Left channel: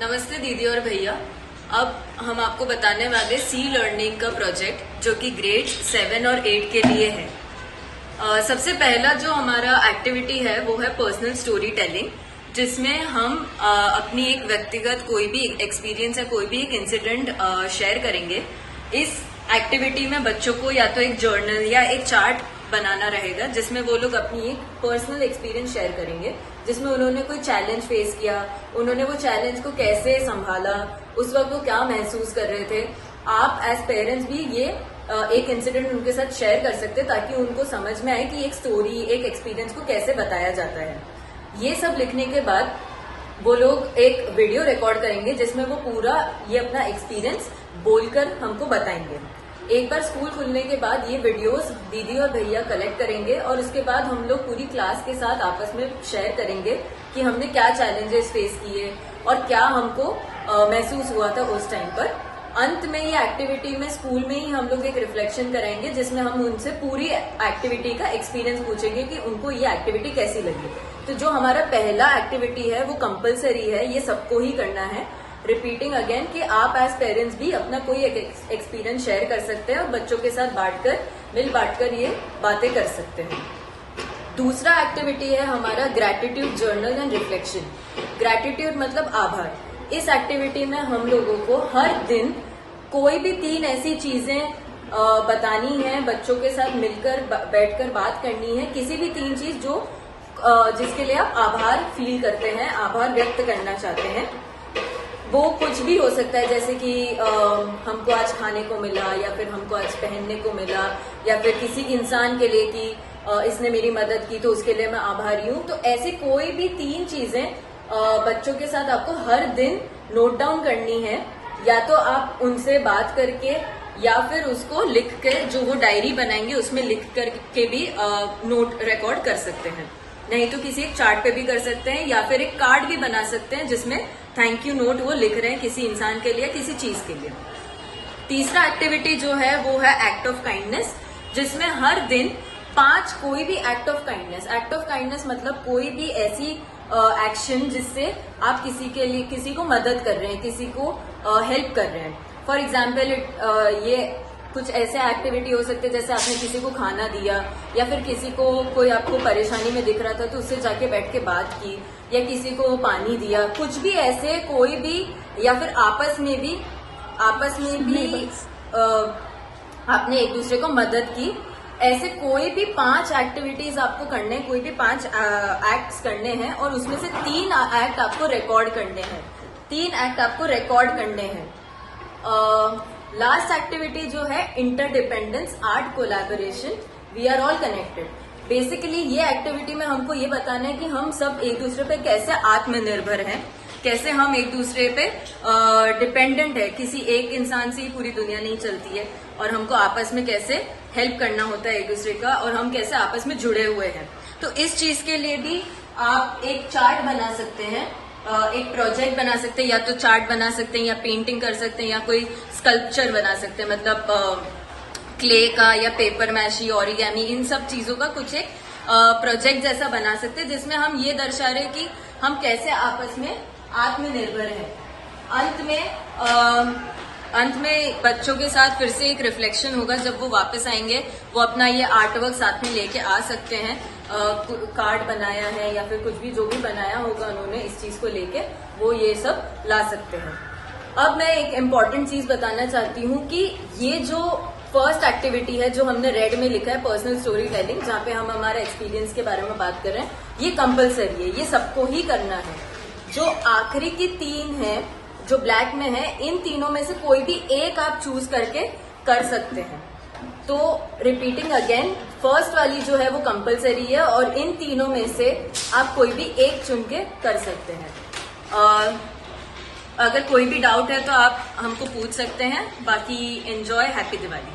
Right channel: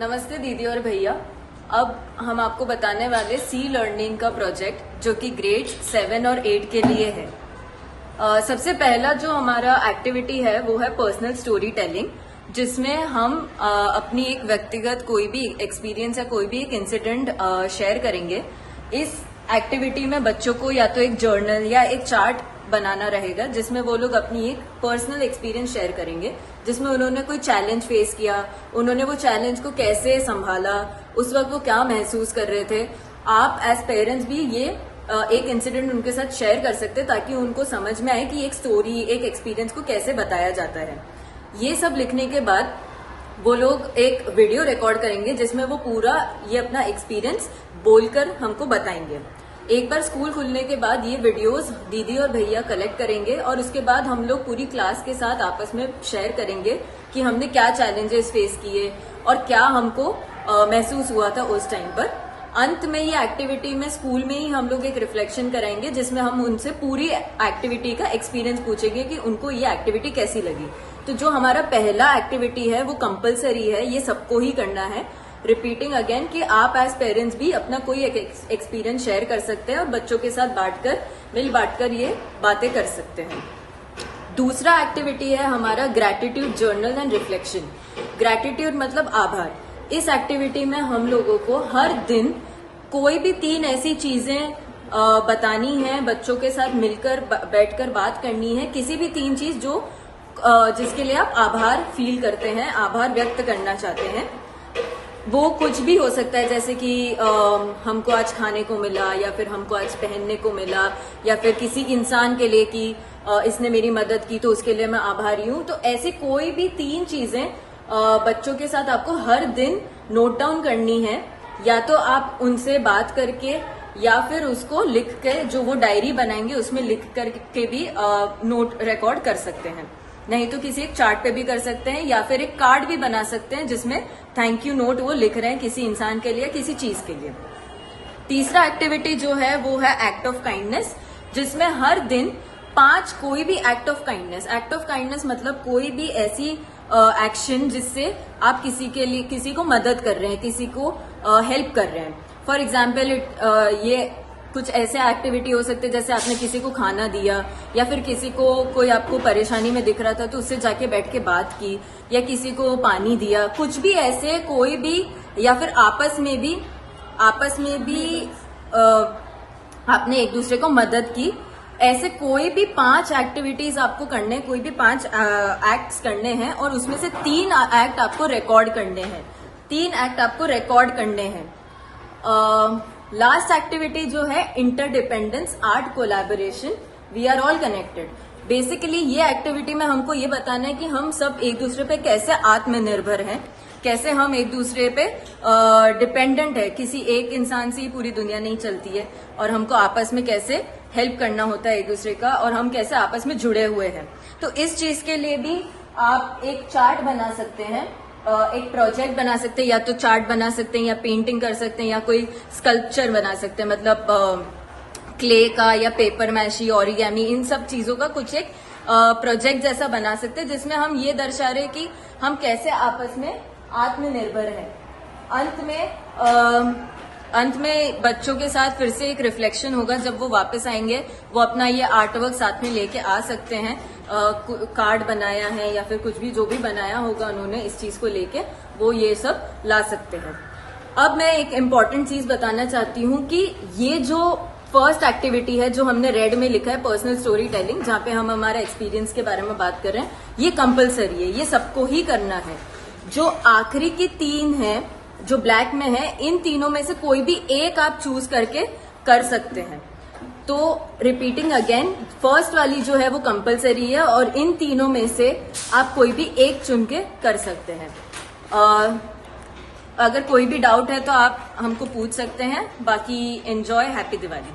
नमस्ते दीदी और भैया। अब हम आपको बताने वाले सी लर्निंग का प्रोजेक्ट जो कि ग्रेड 7 और 8 के लिए है। सबसे पहला जो हमारा एक्टिविटी है वो है पर्सनल स्टोरी टेलिंग, जिसमें हम अपनी एक व्यक्तिगत कोई भी एक्सपीरियंस या कोई भी एक इंसिडेंट शेयर करेंगे। इस एक्टिविटी में बच्चों को या तो एक जर्नल या एक चार्ट बनाना रहेगा जिसमें वो लोग अपनी एक पर्सनल एक्सपीरियंस शेयर करेंगे, जिसमें उन्होंने कोई चैलेंज फेस किया, उन्होंने वो चैलेंज को कैसे संभाला, उस वक्त वो क्या महसूस कर रहे थे। आप एज पेरेंट्स भी ये एक इंसिडेंट उनके साथ शेयर कर सकते हैं ताकि उनको समझ में आए कि एक स्टोरी, एक एक्सपीरियंस को कैसे बताया जाता है। ये सब लिखने के बाद वो लोग एक वीडियो रिकॉर्ड करेंगे जिसमें वो पूरा ये अपना एक्सपीरियंस बोलकर हमको बताएंगे। एक बार स्कूल खुलने के बाद ये वीडियोस दीदी और भैया कलेक्ट करेंगे और उसके बाद हम लोग पूरी क्लास के साथ आपस में शेयर करेंगे कि हमने क्या चैलेंजेस फेस किए और क्या हमको महसूस हुआ था उस टाइम पर। अंत में ये एक्टिविटी में स्कूल में ही हम लोग एक रिफ्लेक्शन कराएंगे जिसमें हम उनसे पूरी एक्टिविटी का एक्सपीरियंस पूछेंगे कि उनको ये एक्टिविटी कैसी लगी। तो जो हमारा पहला एक्टिविटी है वो कंपलसरी है, ये सबको ही करना है। रिपीटिंग अगेन कि आप एज पेरेंट्स भी अपना कोई एक एक्सपीरियंस शेयर कर सकते हैं और बच्चों के साथ मिल बांटकर ये बातें कर सकते हैं। दूसरा एक्टिविटी है हमारा gratitude journal and reflection. Gratitude मतलब आभार। इस एक्टिविटी में हम लोगों को हर दिन कोई भी 3 ऐसी चीजें बतानी है, बच्चों के साथ मिलकर बैठकर बात करनी है। किसी भी 3 चीज जो जिसके लिए आप आभार फील करते हैं, आभार व्यक्त करना चाहते हैं। वो कुछ भी हो सकता है, जैसे कि हमको आज खाने को मिला, या फिर हमको आज पहनने को मिला, या फिर किसी इंसान के लिए कि इसने मेरी मदद की तो उसके लिए मैं आभारी हूँ। तो ऐसे कोई भी 3 चीजें बच्चों के साथ आपको हर दिन नोट डाउन करनी है, या तो आप उनसे बात करके या फिर उसको लिख कर, जो वो डायरी बनाएंगे उसमें लिख करके भी नोट रिकॉर्ड कर सकते हैं। नहीं तो किसी एक चार्ट पे भी कर सकते हैं, या फिर एक कार्ड भी बना सकते हैं जिसमें थैंक यू नोट वो लिख रहे हैं किसी इंसान के लिए, किसी चीज के लिए। तीसरा एक्टिविटी जो है वो है एक्ट ऑफ काइंडनेस, जिसमें हर दिन 5 कोई भी act of kindness. Act of kindness मतलब कोई भी ऐसी एक्शन जिससे आप किसी को मदद कर रहे हैं, किसी को हेल्प कर रहे हैं। फॉर एग्जाम्पल ये कुछ ऐसे एक्टिविटी हो सकते हैं जैसे आपने किसी को खाना दिया, या फिर किसी को कोई आपको परेशानी में दिख रहा था तो उससे जाके बैठ के बात की, या किसी को पानी दिया, कुछ भी ऐसे कोई भी, या फिर आपस में भी आपने एक दूसरे को मदद की। ऐसे कोई भी 5 एक्टिविटीज आपको करने, कोई भी 5 एक्ट्स करने हैं और उसमें से 3 एक्ट आपको रिकॉर्ड करने हैं। 3 एक्ट आपको रिकॉर्ड करने हैं। लास्ट एक्टिविटी जो है interdependence, art, collaboration, we are all connected. Basically ये एक्टिविटी में हमको ये बताना है कि हम सब एक दूसरे पे कैसे आत्मनिर्भर हैं, कैसे हम एक दूसरे पे डिपेंडेंट है। किसी एक इंसान से ही पूरी दुनिया नहीं चलती है, और हमको आपस में कैसे हेल्प करना होता है एक दूसरे का, और हम कैसे आपस में जुड़े हुए हैं। तो इस चीज के लिए भी आप एक चार्ट बना सकते हैं, एक प्रोजेक्ट बना सकते हैं, या तो चार्ट बना सकते हैं, या पेंटिंग कर सकते हैं, या कोई स्कल्पचर बना सकते हैं, मतलब क्ले का या पेपर मैशी, ओरिगेमी, इन सब चीजों का कुछ एक प्रोजेक्ट जैसा बना सकते हैं जिसमें हम ये दर्शा रहे कि हम कैसे आपस में आत्मनिर्भर हैं। अंत में बच्चों के साथ फिर से एक रिफ्लेक्शन होगा। जब वो वापस आएंगे वो अपना ये आर्टवर्क साथ में लेके आ सकते हैं, कार्ड बनाया है या फिर कुछ भी जो भी बनाया होगा उन्होंने इस चीज को लेके, वो ये सब ला सकते हैं। अब मैं एक इम्पॉर्टेंट चीज बताना चाहती हूँ कि ये जो फर्स्ट एक्टिविटी है जो हमने रेड में लिखा है, पर्सनल स्टोरी टेलिंग, जहाँ पे हम हमारे एक्सपीरियंस के बारे में बात कर रहे हैं, ये कंपलसरी है, ये सबको ही करना है। जो आखिरी की 3 है जो ब्लैक में है, इन तीनों में से कोई भी एक आप चूज करके कर सकते हैं। तो रिपीटिंग अगेन, फर्स्ट वाली जो है वो कंपलसरी है और इन तीनों में से आप कोई भी एक चुन के कर सकते हैं। और अगर कोई भी डाउट है तो आप हमको पूछ सकते हैं। बाकी एंजॉय, हैप्पी दिवाली।